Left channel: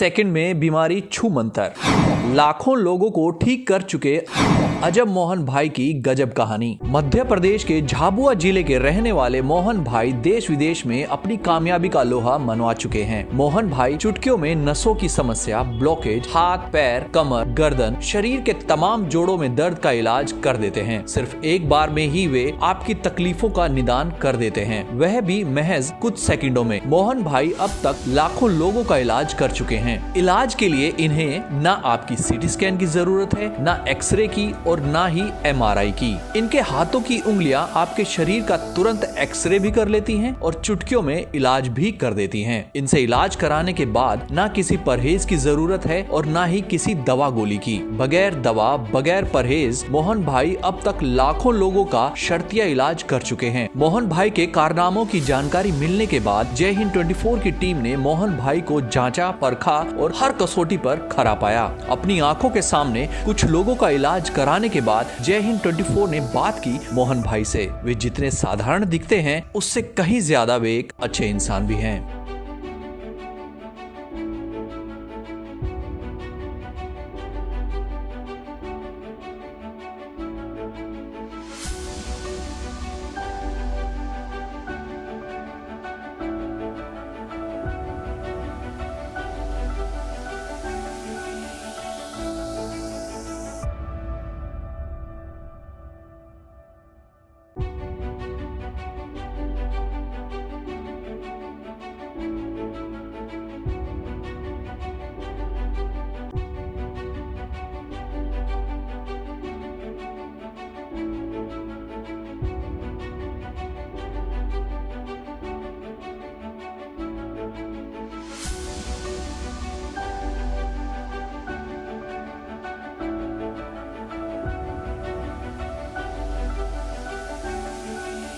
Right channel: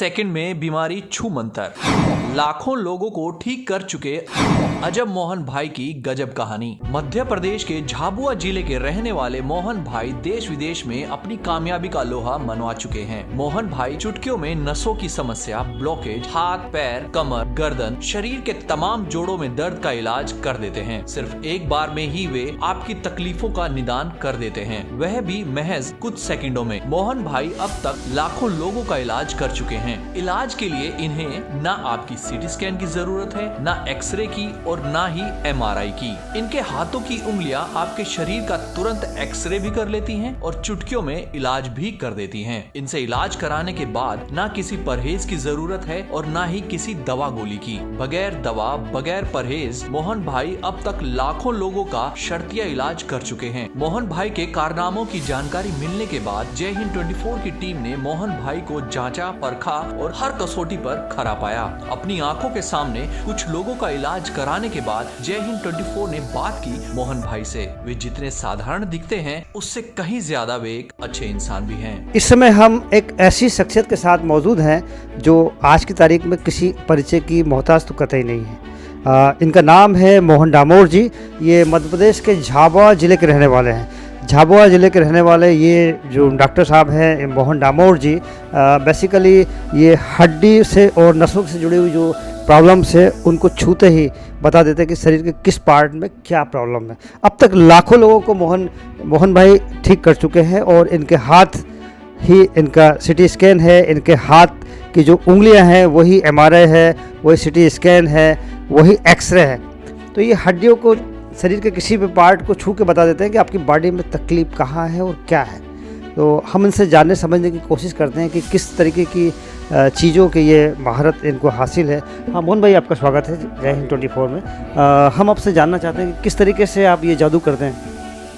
Second में बीमारी छू मंतर, लाखों लोगों को ठीक कर चुके अजब मोहन भाई की गजब कहानी। मध्य प्रदेश के झाबुआ जिले के रहने वाले मोहन भाई देश विदेश में अपनी कामयाबी का लोहा मनवा चुके हैं। मोहन भाई चुटकियों में नसों की समस्या, ब्लॉकेज, हाथ, पैर, कमर, गर्दन, शरीर के तमाम जोड़ों में दर्द का इलाज कर देते हैं। सिर्फ एक बार में ही वे आपकी तकलीफों का निदान कर देते हैं, वह भी महज कुछ सेकंडों में। मोहन भाई अब तक लाखों लोगों का इलाज कर चुके हैं। इलाज के लिए इन्हें न आपकी सीटी स्कैन की जरूरत है, न एक्सरे की और न ही एमआरआई की। इनके हाथों की उंगलियां आपके शरीर का तुरंत एक्सरे भी कर लेती हैं और चुटकियों में इलाज भी कर देती हैं। इनसे इलाज कराने के बाद न किसी परहेज की जरूरत है और न ही किसी दवा गोली की। बगैर दवा, बगैर परहेज मोहन भाई अब तक लाखों लोगों का शर्तिया इलाज कर चुके हैं। मोहन भाई के कारनामों की जानकारी मिलने के बाद जय हिंद 24 की टीम ने मोहन भाई को जांचा, परखा और हर कसौटी पर खरा पाया। अपनी आंखों के सामने कुछ लोगों का इलाज कराने के बाद जय हिंद 24 ने बात की मोहन भाई से। वे जितने साधारण दिखते हैं उससे कहीं ज्यादा वे एक अच्छे इंसान भी हैं। इस समय हम एक ऐसी शख्सियत के साथ मौजूद हैं जो आज की तारीख में किसी परिचय की मोहताज तो कतई नहीं है। इनका नाम है मोहन डामोर जी। ये मध्य प्रदेश के झाबुआ जिले के रहने वाले हैं। झाबुआ जिले के रहने वाले ये जो डॉक्टर साहब हैं मोहन डामोर जी, बेसिकली ये हड्डी से और नसों से जुड़ी हुई जो प्रॉब्लम से उनको छूते ही बता देते हैं कि शरीर के किस पार्ट में क्या प्रॉब्लम है। अब तक लाखों लोगों को मोहन भाई ठीक कर चुके हैं और इनके हाथ ही इनका सिटी स्कैन है, इनके हाथ की जो उंगलियां हैं वही एमआरआई है, वही सिटी स्कैन है, वही एक्सरे है। तो ये हड्डियों को, शरीर के किसी भी पार्ट को छू के बता देते हैं कि आपकी बॉडी में तकलीफ कहाँ है और क्या है। तो हम इनसे जानने समझने की कोशिश करते हैं कि किस तरीके की चीज़ों की ये महारत इनको हासिल है। हाँ मोहन भाई, आपका स्वागत है जय हिंद 24 में। हम आपसे जानना चाहते हैं कि किस तरीके से आप ये जादू करते हैं।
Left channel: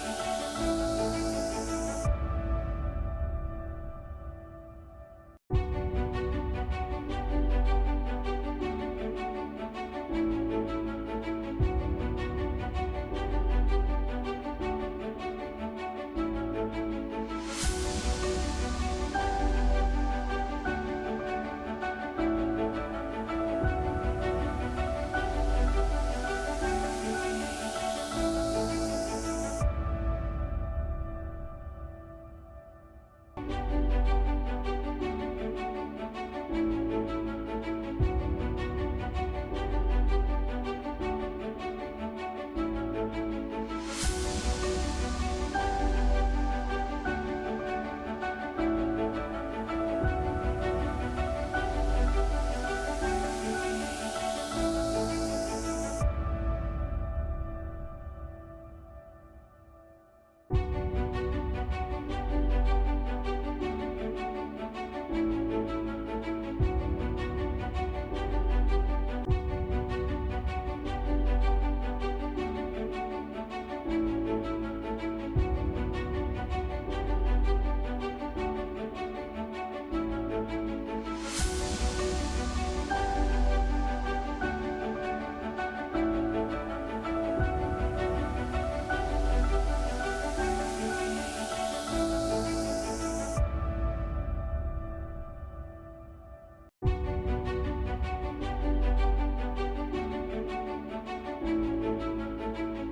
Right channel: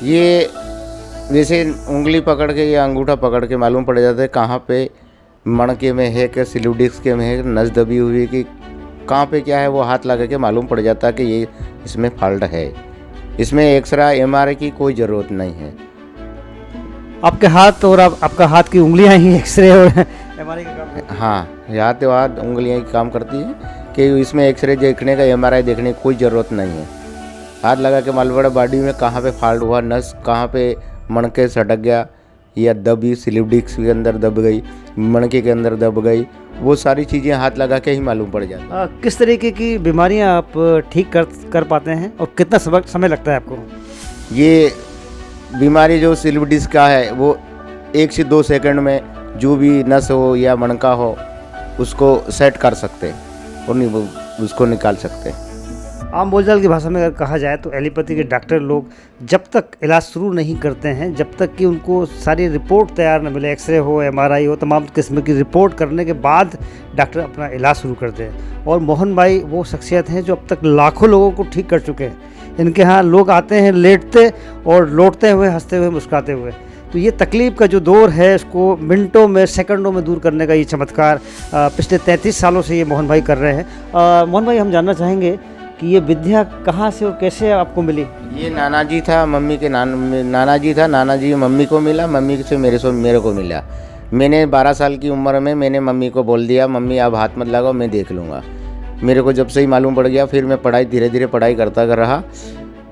ये जैसे उंगली पकड़ के या अंगूठा पकड़ के मालूम पड़ जाता है कहाँ पे मणके में है, कि स्लीव डिस्क के में है, नस दबी हुई कि कहाँ पे क्या है, वो हाथ लगा के मालूम पड़ जाता है कि ये इसमें फॉल्ट है। इसमें एक्सरे एमआरआई की कोई ज़रूरत नहीं है। आपके हाथ और आपका हाथ की उंगलियां ही एक्सरे और एमआरआई का काम करती हैं। हाँ, यहाँ तो हाथ उंगलियाँ ही काम करती हैं कि इसमें एक्सरे देखने का, एमआरआई देखने की कोई ज़रूरत नहीं है। हाथ लगा के मालूम पड़ा बॉडी में कहाँ पे फॉल्ट हुआ, नस कहाँ पे मणके सटक गया या दबी, स्लीव डिस्क के अंदर दब गई, मणके के अंदर दब गई, वो सारी चीज़ें हाथ लगा के ही मालूम पड़ जाती। किस तरीके की बीमारियां आप ठीक कर पाते हैं और कितना समय लगता है आपको? ये बीमारी जो स्लीव डिस्क का है वो 1 से 2 सेकंड में जो भी नस हो या मणका हो उसको सेट कर सकते हैं और उसको निकाल सकते हैं। आम बोलचाल की भाषा में अगर कहा जाए तो एलोपैथी के डॉक्टर लोग जब तक इलाज शुरू नहीं करते हैं, जब तक कि उनको सारी रिपोर्ट तैयार न मिले, एक्सरे हो, एमआरआई हो, तमाम किस्म की रिपोर्ट करने के बाद डॉक्टर अपना इलाज शुरू करते हैं। और मोहन भाई वो शख्सियत हैं जो अब तक लाखों लोगों को ठीक कर चुके हैं। इनके यहाँ लोग आते हैं लेटते और लौटते हुए, हंसते हुए, मुस्कुराते हुए। तो ये तकलीफ़ का जो दौर है इसको मिनटों में, सेकंडों में दूर करने का ये चमत्कार पिछले 33 सालों से ये मोहन भाई कर रहे हैं। मोहन भाई, हम जानना चाहेंगे कि ये विद्या कहाँ से और कैसे आपको मिली? ये नाना जी था, मम्मी के नाना जी था, नाना जी मम्मी को मिला, मम्मी से मेरे को मिला। मैंने 12 साल की उम्र में मैंने मम्मी को बोल दिया, मम्मी आप हाथ मत लगाओ, मैं देख लूँगा। मेरे को जब से ही मालूम पड़ गया, फिर मैं पढ़ाई धीरे धीरे पढ़ाई करता रहा।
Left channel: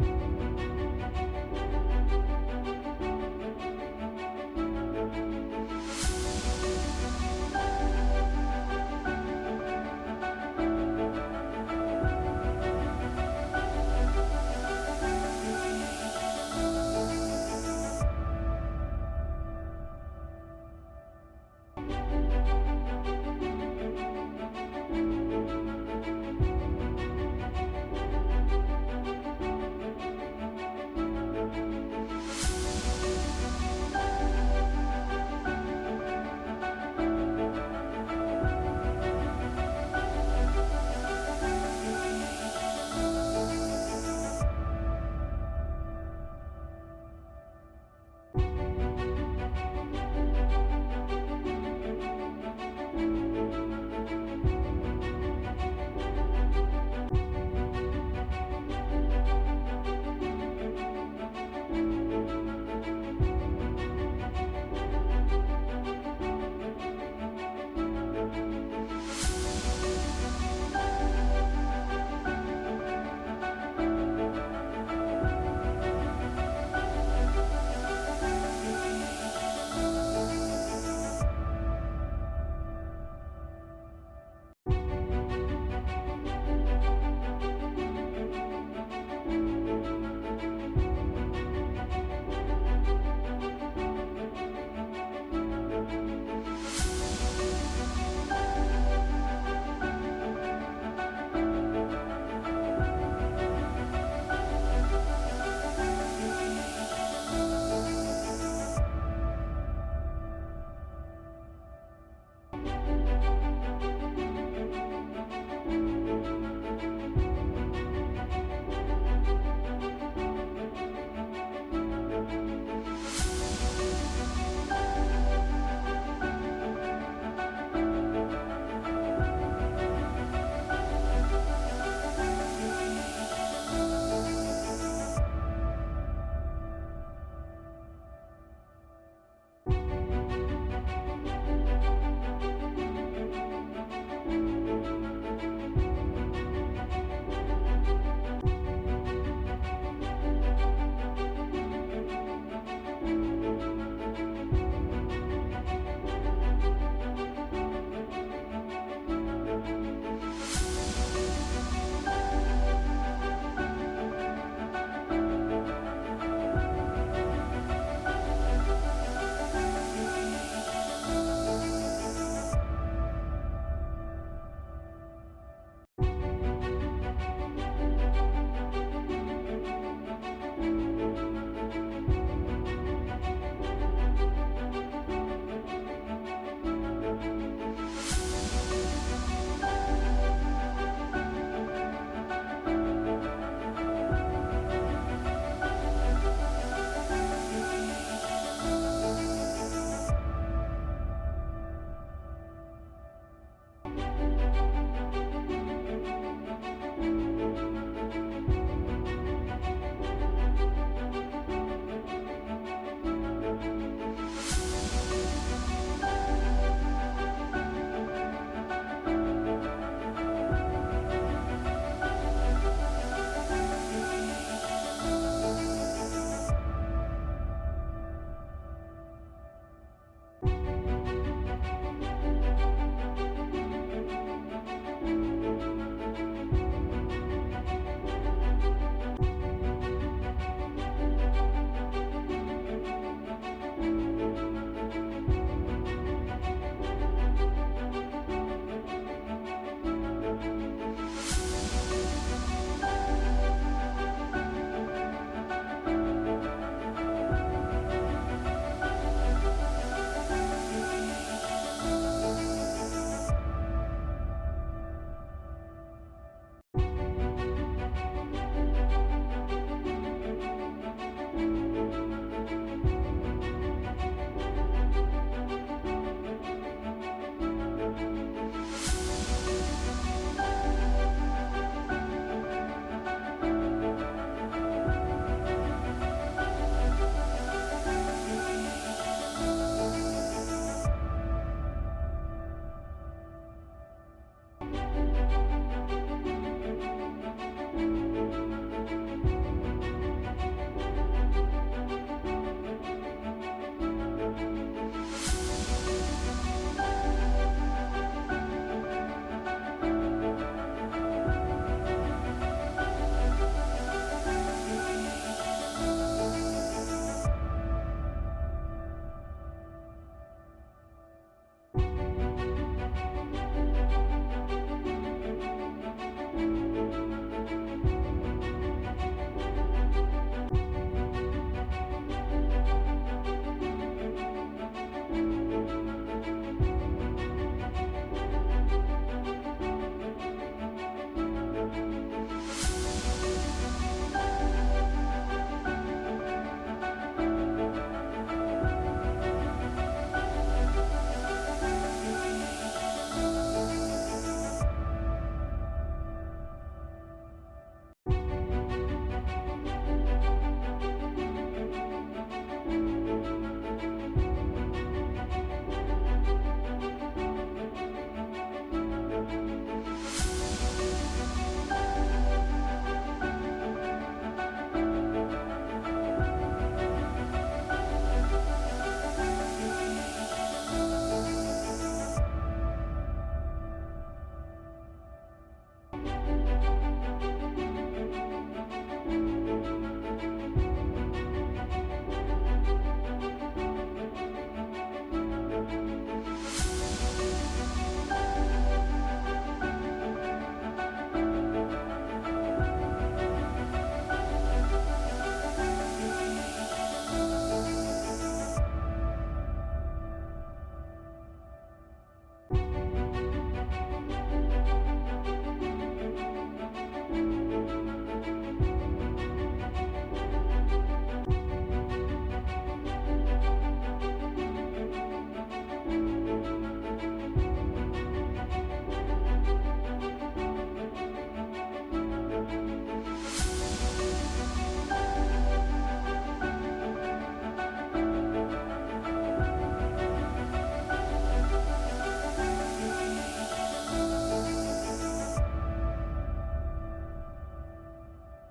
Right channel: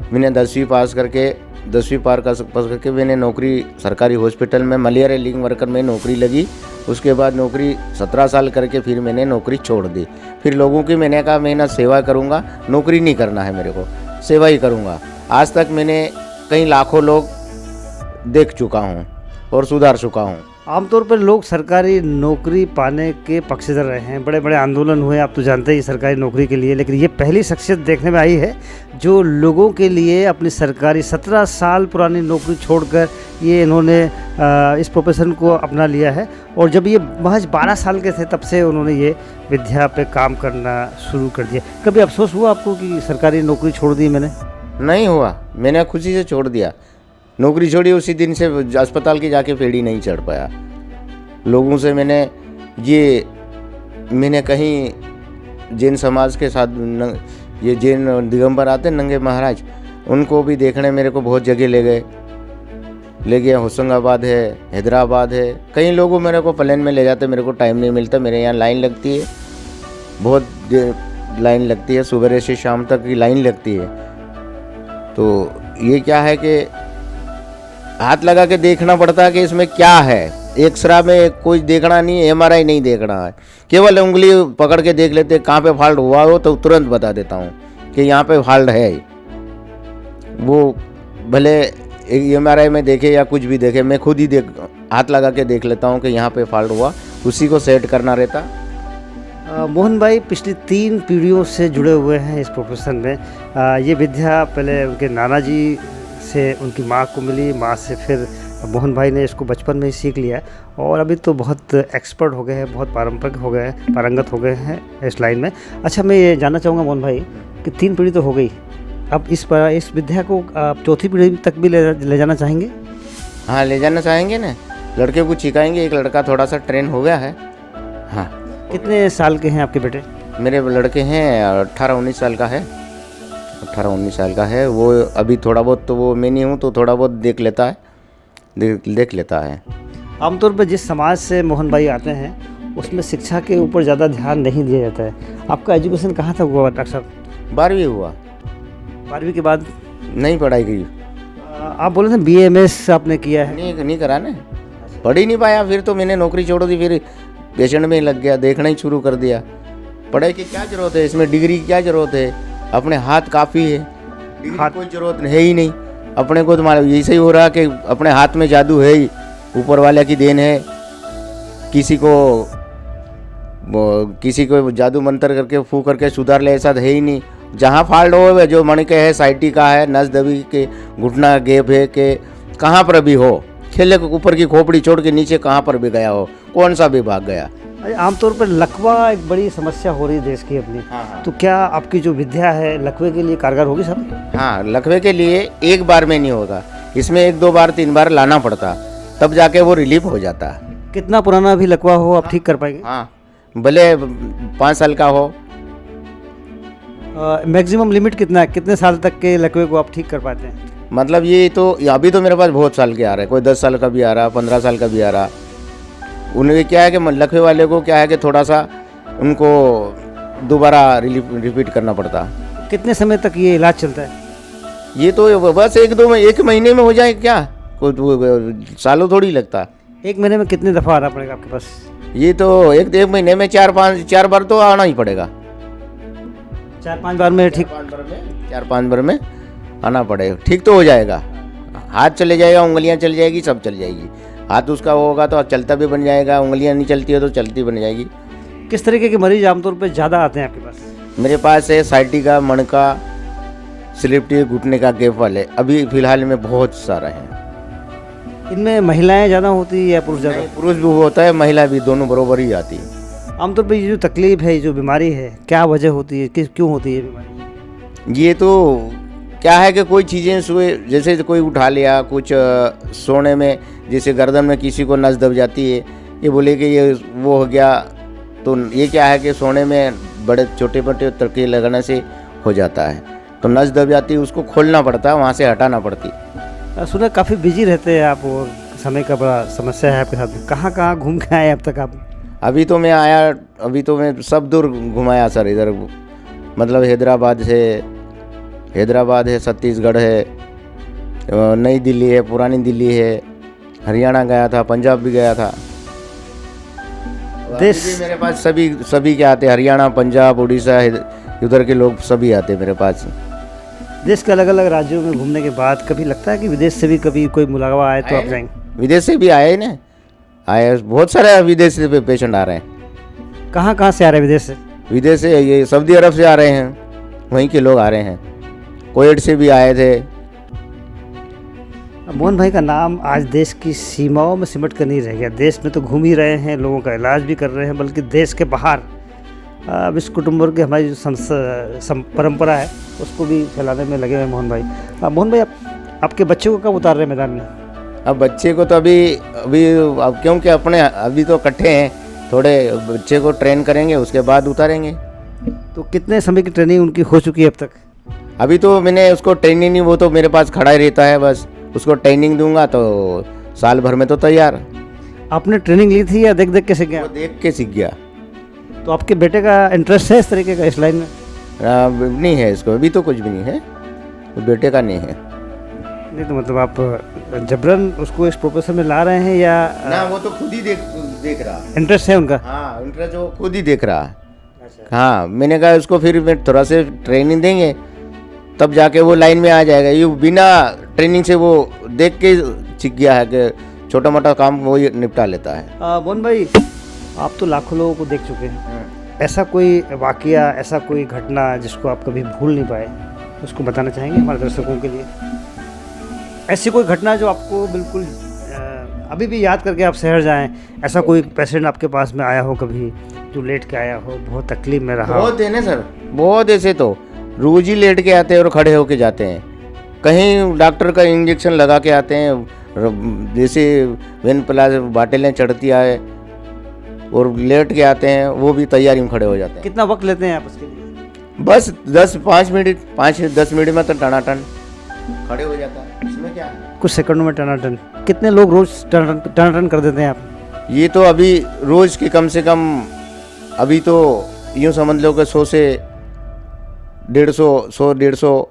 मैंने 10वीं पास करके मैंने नौकरी सरकारी हॉस्पिटल में मलेरिया लिंग वर्कर में नौकरी लगी। उसके बाद नौकरी 17 साल करके फिर मैंने नौकरी छोड़ दी। फिर लोगों की मैंने कहा मैं ना सेवा करूँगा, नौकरी नहीं करना है मेरे को, सेवा ही करूँगा। आज तक मैंने कई लाखों लोग देख चुका हूँ और सुधार चुका हूँ। आमतौर पर लोग सरकारी नौकरी पाने के पक्षधर रहे हैं, बड़े बड़े आंदोलन हुए, आप तो जानते ही सरकारी नौकरी के लिए, लेकिन ये पहली शख्सियत देखने में आई है जो लोगों के लिए अपनी सरकारी 17 साल पुरानी नौकरी छोड़कर ये इन्होंने इस प्रोफेशन को अपना लिया है। और जब ये महज 12 साल के थे तब से उन्होंने ये विद्या पे काम करना शुरू कर दिया। कभी अफसोस हुआ आपको कि सरकारी नौकरी छोड़ दी मैंने? नहीं हुआ, मैंने खुशी से छोड़ दिया। नौकरी छोड़ी उसी दिन से अस्पताल की जाके पेड़ी नहीं चढ़ पाया। लोगों से मैंने कहीं जैन समाज के साथ ये जैन दिगंबर आते नंगे महाराज, उनको भी देखने मेरे को बहुत जगह ले गए। ले गया, होशंगाबाद है, हैदराबाद है, कई लोगों मेरे को प्लेन में ले जाते, मेरे को टाइम नहीं मिलता, मेरे यहाँ लाइन लगती है, बहुत लाइन लगती है, सुबह से शाम तक की लाइन लगती है। तो ये क्या है कि हाथ लगा के देखना पड़ता है कि इसमें क्या है। एक्सरा में कोई देखना नहीं है, एमआरआई नहीं देखना है, केवल उंगली पकड़ के देख लेते, कहाँ पे फॉल्ट हुआ हो तो तुरंत बता देता हूँ कि यहाँ पे फॉल्ट है। वो भले एमआरआई में देखे या कुछ भी देखे, मैं खुद ही हाथ लगा के देख लेता हूँ कि यहाँ पे फॉल्ट हुआ, उसी को सेट करना रहता। मोहन भाई पिछली 3 पीढ़ियों से जुड़े हुए हैं इस प्रोफेशन में। ये विद्या पहले उनके नाना जी से उनकी माँ को मिली, माँ से फिर मोहन भाई ने इसको बचपन में ही सीख लिया और अभी तो बहुत एक्सपर्ट हो गए हैं, बहुत पारंपरिक हो गए हैं, पारंगत हो गए हैं इस लाइन में। अच्छा, मैं ये जानना चाहूँगा मोहन भाई कि 3 पीढ़ी तो हो गई, अब इस विद्या को आप 4थी पीढ़ी तक भी ले जाना चाहेंगे? हाँ, ले जाना चाहेंगे ना, लड़के को सिखाएंगे। एक लड़का थोड़ा सा ट्रेन हो गया है। हाँ। कितने साल के हैं आपके बेटे? मेरे लड़के हैं 18-19 साल का है, 18-19 साल का है। वो अभी थोड़ा बहुत, तो वो मैं नहीं हूँ तो थोड़ा बहुत देख लेता है, देख लेता है। आमतौर पर जिस समाज से मोहन भाई आते हैं उसमें शिक्षा के ऊपर ज़्यादा ध्यान नहीं दिया जाता है। आपका एजुकेशन कहाँ तक हुआ डॉक्टर साहब? 12वीं हुआ। 12वीं के बाद नहीं पढ़ाई की। आप बोले थे BA-MS आपने किया है? नहीं करा ना, पढ़ ही नहीं पाया। फिर तो मैंने नौकरी छोड़ दी, फिर पेशेंट में ही लग गया, देखना ही शुरू कर दिया। पढ़ाई की क्या ज़रूरत है, इसमें डिग्री की क्या ज़रूरत है, अपने हाथ काफ़ी है, डिग्री की कोई ज़रूरत है ही नहीं। अपने को तुम्हारा ऐसे ही हो रहा कि अपने हाथ में जादू है ही, ऊपर वाले की देन है। किसी को जादू मंत्र करके फूक करके सुधार ले, ऐसा है ही नहीं। जहाँ फॉल्ट हो, जो मणि के है, साइटी का है, नस दबी के, घुटना गैप है, कि कहाँ पर भी हो, खेले को ऊपर की खोपड़ी छोड़ के नीचे कहाँ पर भी गया हो, कौन सा भी भाग गया। आमतौर पर लकवा एक बड़ी समस्या हो रही है देश की अपनी। हाँ। तो क्या आपकी जो विद्या है लकवे के लिए कारगर होगी सर? हाँ, लकवे के लिए एक बार में नहीं होगा, इसमें 1-2 बार 3 बार लाना पड़ता, तब जाके वो रिलीफ हो जाता। कितना पुराना भी लकवा हो आप ठीक कर पाएंगे? हाँ, भले 5 साल का हो। मैक्सिमम लिमिट कितना है, कितने साल तक के लकवे को आप ठीक कर पाते हैं? मतलब ये तो अभी तो मेरे पास बहुत साल के आ रहे हैं, कोई 10 साल का भी आ रहा, 15 साल का भी आ रहा। उन्हें क्या है कि लकवे वाले को क्या है कि थोड़ा सा उनको दोबारा रिपीट करना पड़ता। कितने समय तक ये इलाज चलता है? ये तो बस 1 महीने में हो जाए, क्या सालों थोड़ी लगता। 1 महीने में कितने दफ़ा आना पड़ेगा आपके पास? ये तो एक महीने में 4 बार तो आना ही पड़ेगा। 4-5 बार में ठीक? 4-5 बार में आना पड़ेगा, ठीक तो हो जाएगा। हाथ चले जाएगा, उंगलियां चल जाएगी, सब चल जाएगी। हाथ उसका होगा तो चलता भी बन जाएगा, उंगलियां नहीं चलती है तो चलती बन जाएगी। किस तरीके के मरीज आमतौर पर ज़्यादा आते हैं आपके पास? मेरे पास है साइटिका, मणका, स्लिप घुटने का गैप वाले, अभी फिलहाल में बहुत सारा है। इनमें महिलाएं ज़्यादा होती है या पुरुष ज़्यादा? पुरुष भी होता है, महिला भी, दोनों बराबर ही आती है। आमतौर पर ये जो तकलीफ है, जो बीमारी है, क्या वजह होती है, क्यों होती है बीमारी? ये तो क्या है कि कोई चीज़ें जैसे कोई उठा लिया, कुछ सोने में जैसे गर्दन में किसी को नस दब जाती है, ये बोले कि ये वो हो गया, तो ये क्या है कि सोने में बड़े छोटे मोटे तड़के लगाने से हो जाता है, तो नस दब जाती है, उसको खोलना पड़ता है, वहाँ से हटाना पड़ती। सुना काफ़ी बिजी रहते हैं आप और समय का बड़ा समस्या है आपके साथ। कहाँ कहाँ घूम के आए अब तक आप? अभी तो मैं सब दूर घुमाया सर, इधर मतलब हैदराबाद है, छत्तीसगढ़ है, नई दिल्ली है, पुरानी दिल्ली है, हरियाणा गया था, पंजाब भी गया था। देश मेरे पास सभी के आते, हरियाणा, पंजाब, उड़ीसा, उधर के लोग सभी आते मेरे पास। देश के अलग अलग राज्यों में घूमने के बाद कभी लगता है कि विदेश से भी कभी कोई मुलाकात आए तो आप जाएंगे? विदेश से भी आए ना, आए बहुत सारे विदेश से पेशेंट आ रहे हैं। कहाँ से आ रहे हैं विदेश से? विदेश से ये सऊदी अरब से आ रहे हैं, वहीं के लोग आ रहे हैं, कुवैत से भी आए थे। मोहन भाई का नाम आज देश की सीमाओं में सिमट कर नहीं रह गया। देश में तो घूम ही रहे हैं, लोगों का इलाज भी कर रहे हैं, बल्कि देश के बाहर विश्व कुटुंबर की हमारी जो परंपरा है उसको भी फैलाने में लगे हुए मोहन भाई। मोहन भाई आपके बच्चे को कब उतार रहे हैं मैदान में? अब बच्चे को तो अभी अब क्योंकि अपने अभी तो इकट्ठे हैं, थोड़े बच्चे को ट्रेन करेंगे, उसके बाद उतारेंगे। तो कितने समय की ट्रेनिंग उनकी हो चुकी है अब तक? अभी तो मैंने उसको ट्रेनिंग नहीं, वो तो मेरे पास खड़ा ही रहता है, बस उसको ट्रेनिंग दूंगा तो साल भर में तो तैयार। आपने ट्रेनिंग ली थी या देख देख के सीख गया? वो देख के सीख गया। तो आपके बेटे का इंटरेस्ट है इस तरीके का, इस लाइन में? नहीं है इसको, अभी तो कुछ भी नहीं है, तो बेटे का नहीं है। नहीं तो मतलब आप जबरन उसको इस प्रोफेशन में ला रहे हैं या ना, वो तो खुद ही देख रहा। इंटरेस्ट है उनका? हाँ, इंटरेस्ट वो खुद ही देख रहा। हाँ, मैंने कहा उसको फिर मैं थोड़ा से ट्रेनिंग देंगे तब जाके वो लाइन में आ जाएगा। ये बिना ट्रेनिंग से वो देख के सीख गया है कि छोटा मोटा काम वो ही निपटा लेता है। मोहन भाई, आप तो लाखों लोगों को देख चुके हैं, ऐसा कोई वाकया, ऐसा कोई घटना जिसको आप कभी भूल नहीं पाए, उसको बताना चाहेंगे हमारे दर्शकों के लिए? ऐसी कोई घटना जो आपको बिल्कुल अभी भी याद करके आप शहर जाएं, ऐसा कोई पेशेंट आपके पास में आया हो कभी जो लेट के आया हो, बहुत तकलीफ में रहा हो? बहुत है ना सर, बहुत ऐसे तो रोज ही लेट के आते हैं और खड़े होके जाते हैं। कहीं डॉक्टर का इंजेक्शन लगा के आते हैं, जैसे वेन प्लास बाटलें चढ़ती है और लेट के आते हैं, वो भी तैयारी में खड़े हो जाते हैं। कितना वक्त लेते हैं आप उसके लिए? बस 5-10 मिनट में तो टनाटन खड़े हो जाता है। इसमें क्या है? कुछ सेकंडों में टनाटन। कितने लोग रोज टनाटन कर देते हैं आप? ये तो अभी रोज के कम से कम, अभी तो यूँ समझ लो कि 100 से 150,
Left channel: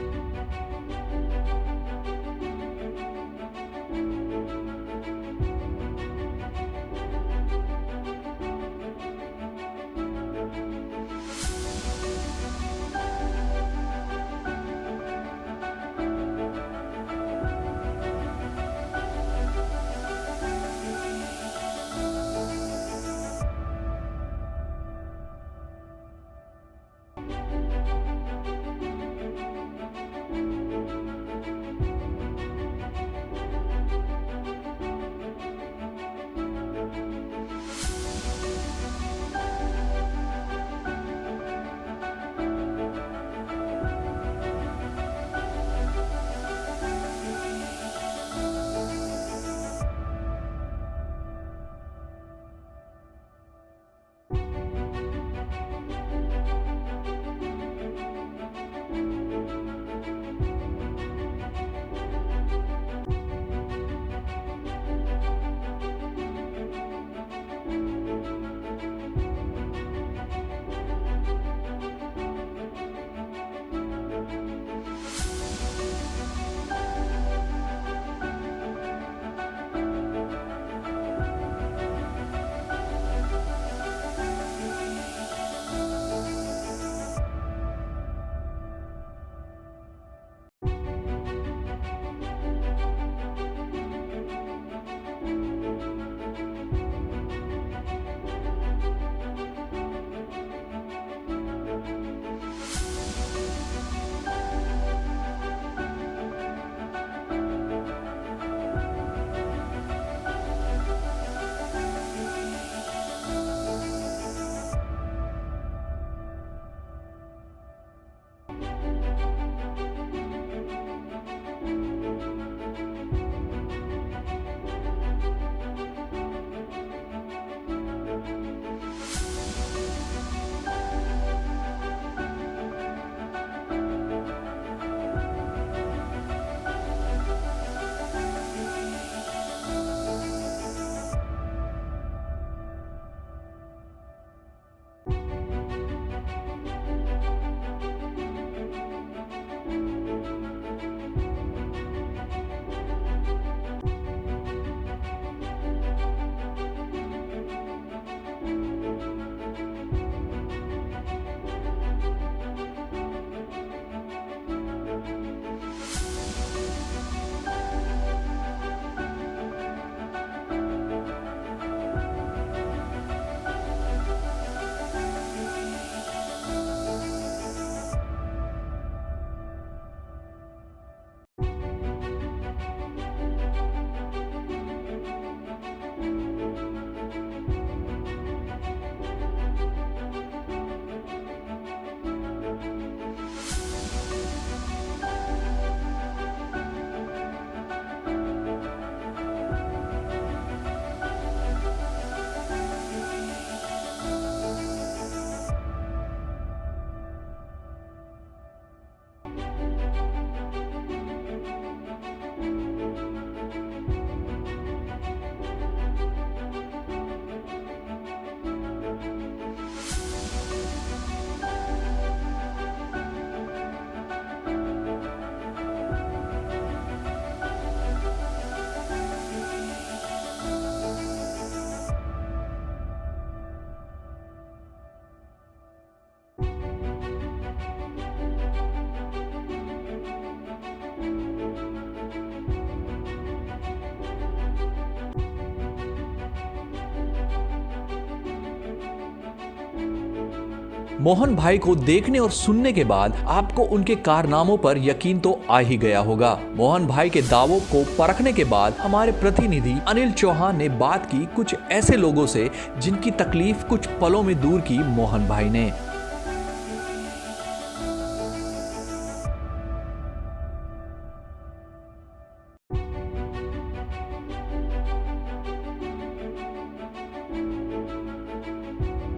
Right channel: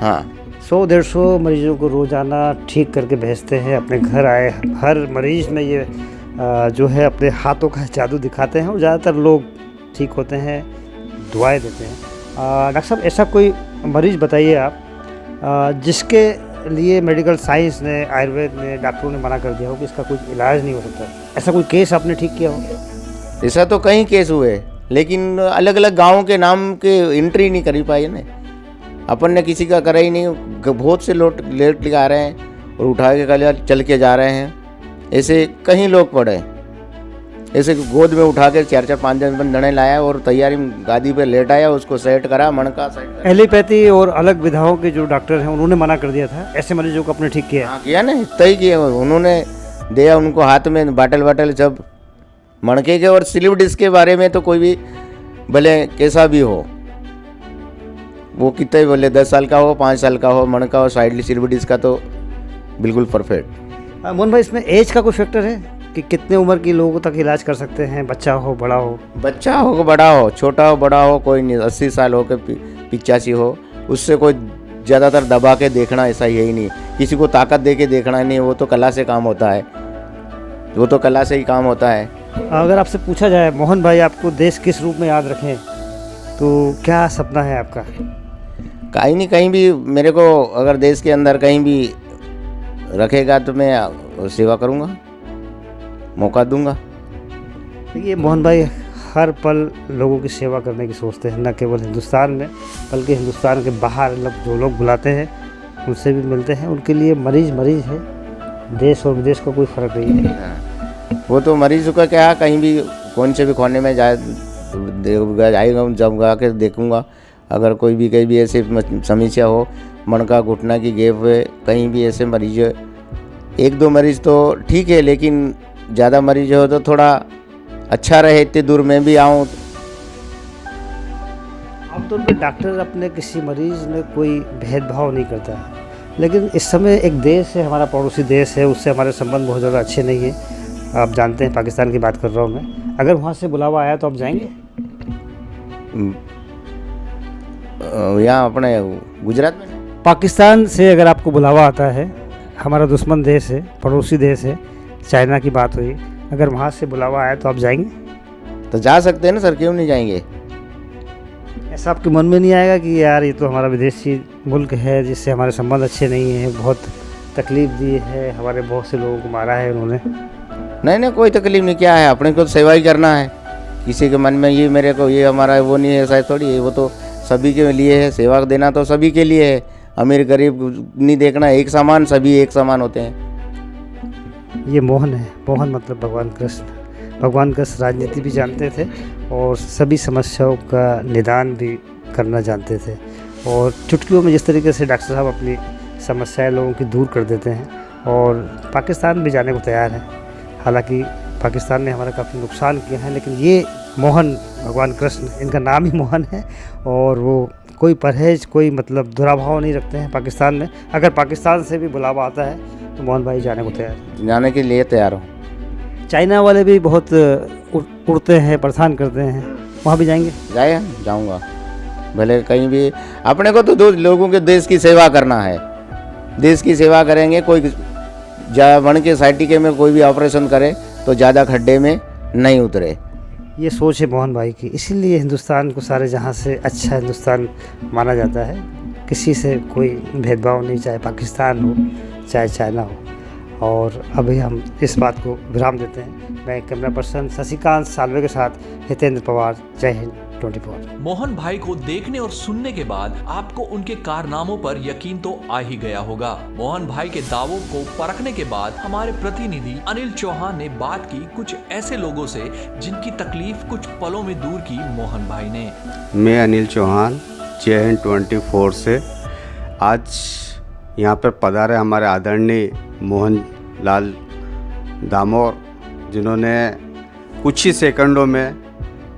हाँ 100-150 मरीजों को रोज़ाना ठीक करके भेजते हैं अपने घर आए। हर मरीज़ में ये जो है अपने हाथों का जादू दिखाते हैं और ज़्यादातर लोग ठीक होते हैं, दुआएं देते हैं। डॉक्टर साहब, ऐसा कोई मरीज़ बताइए आप जिसके लिए मेडिकल साइंस ने, आयुर्वेद ने, डॉक्टरों ने मना कर दिया हो कि इसका कुछ इलाज नहीं हो सकता, ऐसा कोई केस आपने ठीक किया हो? ऐसा तो कई केस हुए, लेकिन अलग अलग गाँव के नाम के एंट्री नहीं करी पाई ना, अपन ने किसी का करा ही नहीं। बहुत से लोग लेट के आ रहे हैं और उठा के चल के जा रहे हैं। ऐसे कई लोग पड़े, ऐसे गोद में उठा के 4-5 दिन दड़े लाया और तैयारी गादी पे लेट आया, उसको सेट करा, मणका सेट। एलोपैथी और अलग विधाओं के जो डॉक्टर हैं उन्होंने मना कर दिया था, ऐसे मरीजों को अपने ठीक किया? हाँ, किया ना, तय किया उन्होंने, दिया उनको हाथ में बाटल जब मणके के। और स्लिप डिस्क के बारे में तो कोई भी भले कैसा भी हो, वो कितने बोले 10 साल का हो, 5 साल का हो, मणका हो, साइडली स्लिप डिस्क का तो बिल्कुल परफेक्ट। मोहन भाई, इसमें एज का कोई फैक्टर है कि कितने उम्र के लोगों तक इलाज कर सकते हैं? बच्चा हो, बड़ा हो? बच्चा हो, बड़ा हो, छोटा हो, बड़ा हो, कोई नहीं। 80 साल हो के 85 हो, उससे कोई ज़्यादातर दबा के देखना ऐसा यही नहीं, किसी को ताकत दे के देखना नहीं, वो तो कला से काम होता है, वो तो कला से ही काम होता है। अगर आपसे पूछा जाए मोहन भाई, आपको देश किस रूप में याद रखें, तो क्या सपना है आपका? कहीं नहीं, कहीं भी मेरे को अगर देश के अंदर कहीं भी रखेगा तो मैं सेवा करूँगा, मौका दूंगा। देखिए मोहन भाई, हर पल लोगों की सेवा करने की सोचते हैं, न केवल हिंदुस्तान में बल्कि हिंदुस्तान के बाहर जो लोग बुलाते हैं उनसे भी मिलते हैं। उनके लिए मरीज़ है, देश और विदेश का कोई फ़र्क नहीं है। वो तो मरीज़ का क्या, कहीं भी कौन से भी खाने में जाएगा, जाऊँगा के देखूँगा। अगर कोई भी कहीं भी ऐसे समस्या हो, मणका घुटना की गैप हुए, कहीं भी ऐसे मरीज, 1-2 मरीज़ तो ठीक है, लेकिन ज़्यादा मरीज हो तो थोड़ा अच्छा रहे, इतनी दूर में भी आऊँ। आमतौर पर डॉक्टर अपने किसी मरीज़ में कोई भेदभाव नहीं करता है, लेकिन इस समय एक देश है, हमारा पड़ोसी देश है, उससे हमारे संबंध बहुत ज़्यादा अच्छे नहीं हैं। आप जानते हैं, पाकिस्तान की बात कर रहा हूँ मैं। अगर वहाँ से बुलावा आया तो आप जाएंगे? यहाँ अपने गुजरात में पाकिस्तान से अगर आपको बुलावा आता है, हमारा दुश्मन देश है, पड़ोसी देश है, चाइना की बात हुई, अगर वहाँ से बुलावा आया तो आप जाएंगे? तो जा सकते हैं ना सर, क्यों नहीं जाएंगे? ऐसा आपके मन में नहीं आएगा कि यार ये तो हमारा विदेशी मुल्क है जिससे हमारे संबंध अच्छे नहीं हैं, बहुत तकलीफ़ दी है, हमारे बहुत से लोगों को मारा है उन्होंने? नहीं, कोई तकलीफ नहीं, क्या है, अपने को तो सेवा ही करना है। किसी के मन में ये मेरे को ये हमारा वो नहीं है, ऐसा थोड़ी है, वो तो सभी के लिए है। सेवा देना तो सभी के लिए है, अमीर गरीब नहीं देखना, एक समान, सभी एक समान होते हैं। ये मोहन है, मोहन मतलब भगवान कृष्ण। भगवान कृष्ण राजनीति भी जानते थे और सभी समस्याओं का निदान भी करना जानते थे, और चुटकियों में जिस तरीके से डॉक्टर साहब अपनी समस्याएं लोगों की दूर कर देते हैं, और पाकिस्तान भी जाने को तैयार है। हालांकि पाकिस्तान ने हमारा काफ़ी नुकसान किया है, लेकिन ये मोहन भगवान कृष्ण, इनका नाम ही मोहन है और वो कोई परहेज, कोई मतलब दुराभाव नहीं रखते हैं पाकिस्तान में। अगर पाकिस्तान से भी बुलावा आता है तो मोहन भाई जाने को तैयार हैं। जाने के लिए तैयार हूँ। चाइना वाले भी बहुत उड़ते हैं, परेशान करते हैं, वहाँ भी जाएंगे? जाऊँगा भले कहीं भी। अपने को तो दो लोगों के देश की सेवा करना है, देश की सेवा करेंगे। कोई वन के साइटिके में कोई भी ऑपरेशन करे तो ज़्यादा खड्डे में नहीं उतरे। ये सोच है मोहन भाई की, इसीलिए हिंदुस्तान को सारे जहाँ से अच्छा हिंदुस्तान माना जाता है। किसी से कोई भेदभाव नहीं, चाहे पाकिस्तान हो चाहे चाइना हो। और अभी हम इस बात को विराम देते हैं। मैं कैमरा पर्सन शशिकांत सालवे के साथ हितेंद्र पवार, जय हिंद 24। मोहन भाई को देखने और सुनने के बाद आपको उनके कारनामों पर यकीन तो आ ही गया होगा। मोहन भाई के दावों को परखने के बाद हमारे प्रतिनिधि अनिल चौहान ने बात की कुछ ऐसे लोगों से जिनकी तकलीफ कुछ पलों में दूर की मोहन भाई ने। मैं अनिल चौहान, जय हिंद 24 से आज यहाँ पर पधारे हमारे आदरणीय मोहन लाल दामोर, जिन्होंने कुछ ही सेकंडों में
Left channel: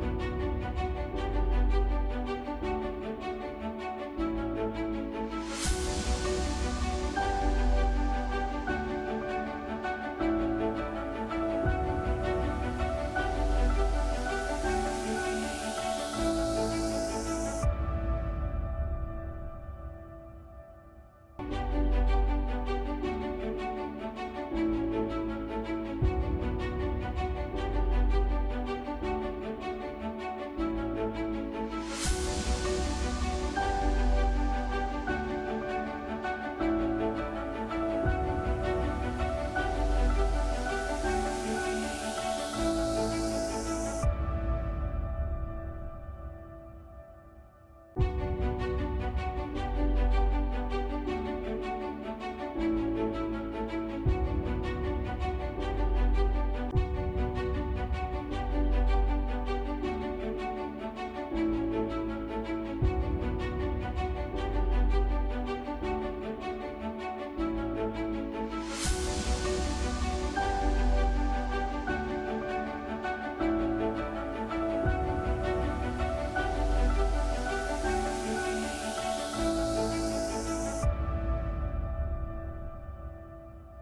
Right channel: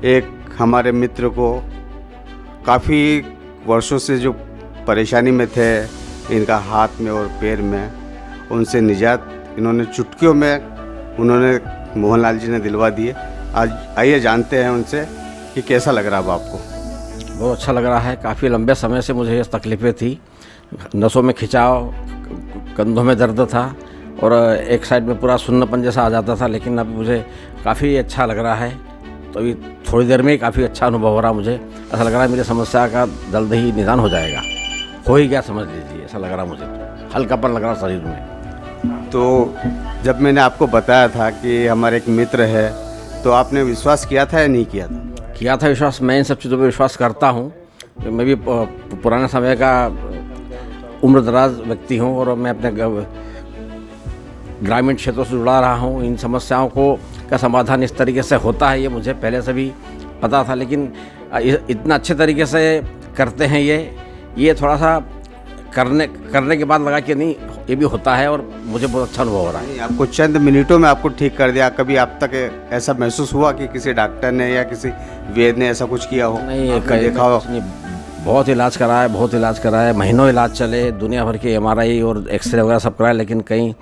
एक हमारे मित्र को काफ़ी वर्षों से जो परेशानी में थे, इनका हाथ में और पैर में, उनसे निजात इन्होंने चुटकियों में उन्होंने मोहनलाल जी ने दिलवा दिए। आज आइए जानते हैं उनसे कि कैसा लग रहा है आपको। बहुत अच्छा लग रहा है। काफ़ी लंबे समय से मुझे ये तकलीफ़ें थी, नसों में खिंचाव, कंधों में दर्द था और एक साइड में पूरा सुन्नापन जैसा आ जाता था, लेकिन अब मुझे काफ़ी अच्छा लग रहा है। तो अभी थोड़ी देर में ही काफ़ी अच्छा अनुभव हो रहा है। मुझे ऐसा लग रहा है मेरी समस्या का जल्द ही निदान हो जाएगा, हो ही गया समझ लीजिए। ऐसा लग रहा मुझे, हल्कापन लग रहा शरीर में। तो जब मैंने आपको बताया था कि हमारे एक मित्र है, तो आपने विश्वास किया था या नहीं किया था? किया था विश्वास। मैं इन सब चीज़ों पर विश्वास करता हूँ। मैं भी पुराने समय का उम्र दराज व्यक्ति हूँ और मैं अपने ग्रामीण क्षेत्रों से जुड़ा रहा हूँ। इन समस्याओं को का समाधान इस तरीके से होता है ये मुझे पहले से भी पता था, लेकिन इतना अच्छे तरीके से करते हैं ये थोड़ा सा करने के बाद लगा कि नहीं, ये भी होता है और मुझे बहुत अच्छा अनुभव हो रहा है। आपको चंद मिनटों में आपको ठीक कर दिया। कभी आप तक ऐसा महसूस हुआ कि किसी डॉक्टर ने या किसी वैद्य ने ऐसा कुछ किया हो? नहीं, देखा हो? बहुत इलाज करा है, महीनों इलाज चले, दुनिया भर के MRI और एक्सरे वगैरह सब कराए, लेकिन कहीं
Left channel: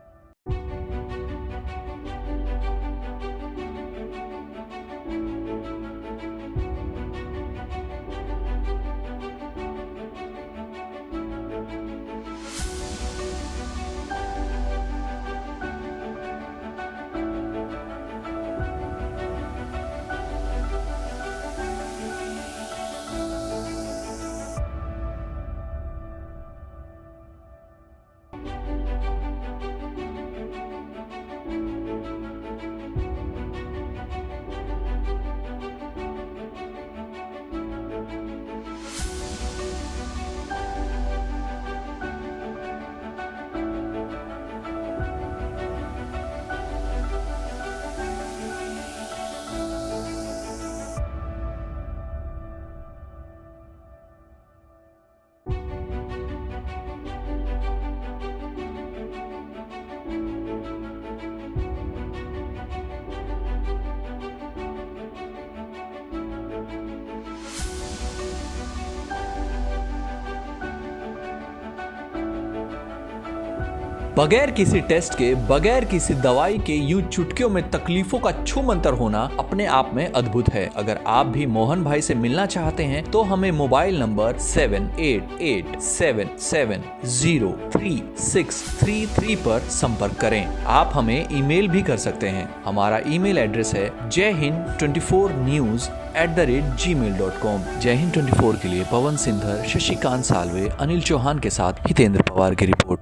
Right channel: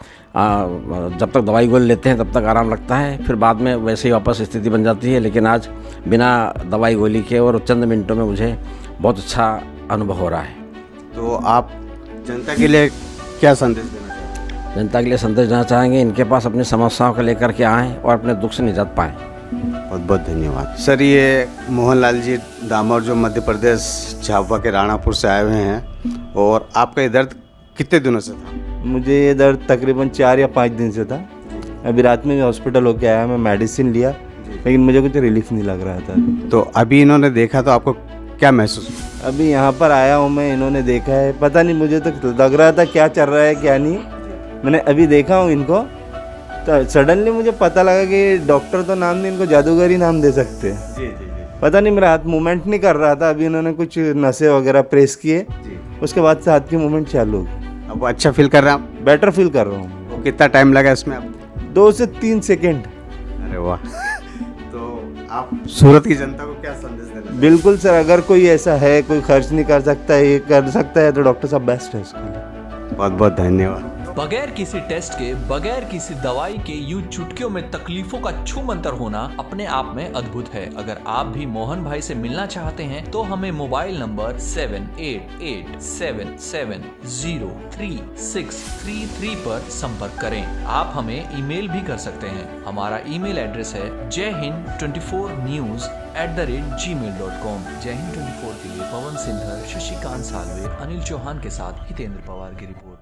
जब तक दवाई गोली लेते हैं तब तक आराम लगता है, फिर बाद में वैसे ही वापस स्थिति बन जाती है। लेकिन आज बिना दवाई गोली के और चंद मिनटों में मुझे बहुत अच्छा अनुभव हो रहा है। तो आप जनता के लिए क्या संदेश देना चाहेंगे? जनता के लिए संदेश देना चाहेंगे, इनके पास अपनी समस्याओं को लेकर के आएँ और अपने दुख से निजात पाएँ। बहुत बहुत धन्यवाद सर। ये मोहनलाल जी दामोर जो मध्य प्रदेश झाबुआ के राणापुर से आए हुए हैं, और आपका ये दर्द कितने दिनों से था? मुझे ये दर्द तकरीबन 4 या 5 दिन से था। अभी रात में हॉस्पिटल होके आया, मैं मेडिसिन लिया, लेकिन मुझे कुछ रिलीफ नहीं लग रहा था। तो अभी इन्होंने देखा तो आपको क्या महसूस हुआ? अभी यहाँ पर आया हूँ मैं, इन्होंने देखा है, पता नहीं मुझे तो लग रहा था क्या चल रहा है क्या नहीं। मैंने अभी देखा हूँ इनको, तो सडनली मुझे पता लगा कि डॉक्टर तो नाम नहीं, इनको जादूगर ही नाम दे सकते हैं। पता नहीं, मेरा हाथ मूवमेंट नहीं कर रहा था। अभी इन्होंने कुछ नसें वगैरह प्रेस किए, उसके बाद से हाथ की मूवमेंट चालू। अब अच्छा फील कर रहे हैं आप? बेटर फील कर रहा हूँ। तो कितना टाइम लगा इसमें आपको? 2 से 3 सेकेंड। अरे वाह। तो आप सूरत की जनता को क्या संदेश देना? बिल्कुल सर, अगर कोई ऐसा है, कोई खर्च नहीं कर सकता है, ये कर सकता है, तो डॉक्टर साहब बेस्ट है उसका। बहुत बहुत धन्यवाद। बगैर किसी टेस्ट के, बगैर किसी दवाई के यूं चुटकियों में तकलीफों का छूमंतर होना अपने आप में अद्भुत है। अगर आप भी मोहन भाई से मिलना चाहते हैं तो हमें मोबाइल नंबर 7887703633 पर संपर्क करें। आप हमें ईमेल भी कर सकते हैं। हमारा ईमेल एड्रेस है jayhind24news@gmail.com। जय हिंद 24 के लिए पवन सिंधर, शशिकांत सालवे, अनिल चौहान के साथ हितेंद्र पवार की रिपोर्ट।